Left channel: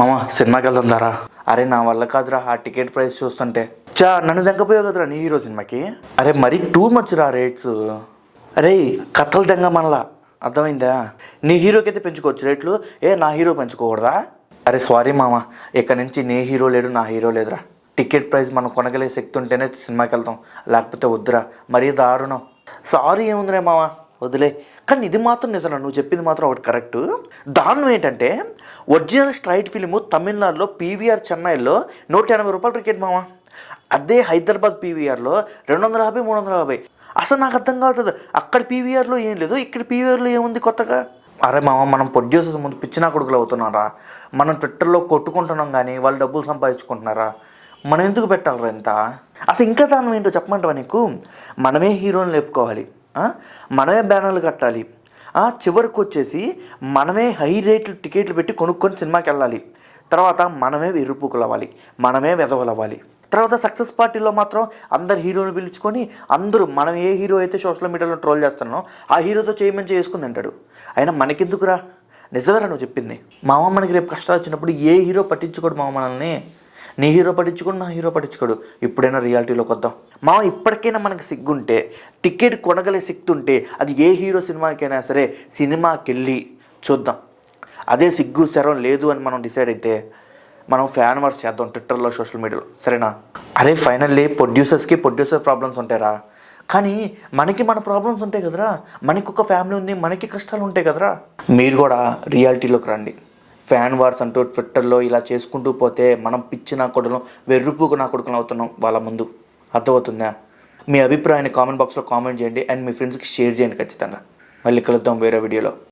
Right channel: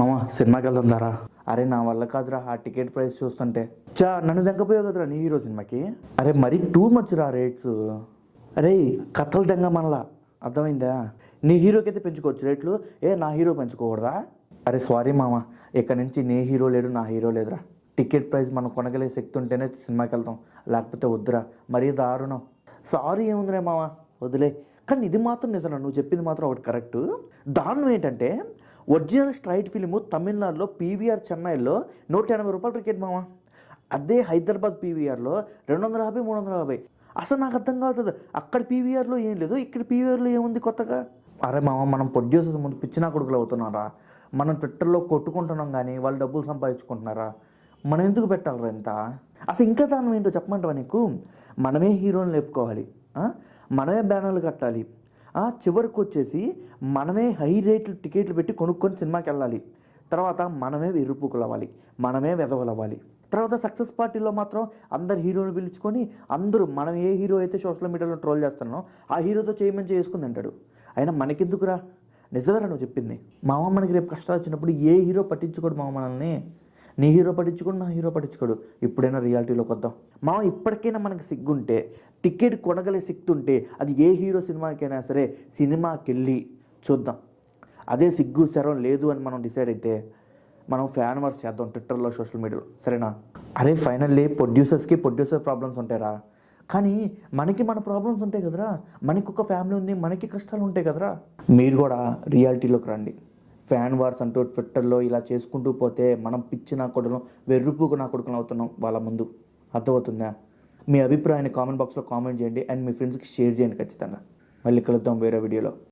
మామ సినిమాకి వెళ్దాం దారా. అరే నా వల్ల కాదురా ఆ టికెట్ ప్రైస్ చూస్తుంటే. నన్ను దెంగపోయావు కదరా నీ హీరో సినిమాకి. అరే మరీ టూ మచ్ రా రేట్స్. అరే కథలు దెంగ మనలా, అర్థమైందా? నీ హీరోకి అయితే పెంచుకోవచ్చు రేట్లు, నా హీరో పెంచుకోకూడదా? అరే సారీ మామ, ఇక్కడ నుంచి నీ హీరో లేడు నా హీరో లేదురా. టికెట్ ప్రైస్ మనం కొనగలిగే శక్తి ఉంటేనే సినిమాకి వెళ్తాం, లేకపోతే వద్దురా. మరీ దారుణం. సారీ ఏముందిరే మామ, వదిలే. కానీ ఇది మాత్రం నిజం, నువ్వు చెప్పింది మాత్రం ఒకటి కరెక్ట్. దారుణం ఏంటంటే ఒరిజినల్ స్ట్రైట్ ఫిలిము తమిళనాడులో పీవీఆర్ చెన్నైలో 180 రూపాయలు టికెట్ మామ. అదే హైదరాబాద్ పీవీఆర్లో 250, 350. అసలు నాకు అర్థం కావట్లేదు, అక్కడ పీవీఆర్లో ఏం లేదు, ఇక్కడ పీవీఆర్లో ఏముంది కొత్తగా. అరే మామ, మనం ప్రొడ్యూసర్స్ ముందు పిచ్చినా కొడుకులు అవుతున్నారా? మనం ట్విట్టర్లో కొట్టుకుంటున్నాం కానీ వాళ్ళు డబ్బులు సంపాదించుకుంటున్నారా? మనం ఎందుకు పెట్టాలరా ఇంత? అసలు ఇంకా దానం ఏంటో చెప్పమంటావా నీకు? మనమే హీరోని లేపుకోవాలి, మనమే బ్యానర్లు కట్టాలి, చివరికి వచ్చేసి మనమే హై రేట్లు టికెట్లు పెట్టి కొనుక్కొని సినిమాకి వెళ్ళాలి. తర్వాత మనమే ఎరుపుకులు అవ్వాలి, మనమే వెధవలు అవ్వాలి. తర్వాత సక్సెస్ పార్టీలో మాత్రం అందరు హీరోని పిలుచుకొని అందరూ మనం ఏ హీరో అయితే సోషల్ మీడియాలో ట్రోల్ చేస్తున్నామో ఆ హీరోతో చేయమని చేసుకుని అంటాడు. అయినా మనకెందుకురా? నిజమేరా నువ్వు చెప్పింది మామ. మనకి రేపు కష్టాలు వచ్చినప్పుడు ఏ హీరో పట్టించుకోడు మామ మనల్ని. నీ హీరో పట్టించుకోడు, నా హీరో పట్టించుకోడు. ఇప్పుడైనా రియాలిటీలోకి వద్దాం మామ. ఇప్పటికైనా మనకి సిగ్గుంటే, టికెట్ కొనగలే శక్తి ఉంటే, అది ఏ హీరో సినిమాకైనా సరే సినిమాకి వెళ్ళి చూద్దాం. అదే సిగ్గు శరం లేదు అని మనం డిసైడ్ అయితే మనం ఫ్యాన్ వర్స్ చేద్దాం ట్విట్టర్లో, సోషల్ మీడియాలో, సరేనా? అరే ఫైనల్లీ ప్రొడ్యూసర్ ప్రాబ్లమ్స్ ఉంటాయిరా, కానీ మనకి మన ప్రాబ్లమ్స్ ఉంటాయి కదరా. మనకి ఒక ఫ్యామిలీ ఉంది, మనకి కష్టాలు ఉంటాయి కదరా. మీరు కూడా రియాలిటీలోకి రండి. ఫ్యాన్ వార్స్ అంటూ ట్విట్టర్లో ఇలా చేసుకుంటూ పోతే మనం పిచ్చి నా కొడుకులం, వెర్రుపుకు నా కొడుకులం అవుతున్నాం వాళ్ళ ముందు. అర్థమవుతుందా? మీ అభిప్రాయాన్ని కామెంట్ బాక్స్లో కామెంట్ చేయండి అండ్ మీ ఫ్రెండ్స్కి షేర్ చేయండి ఖచ్చితంగా. మళ్ళీ కలుద్దాం వేరే వీడియోలో.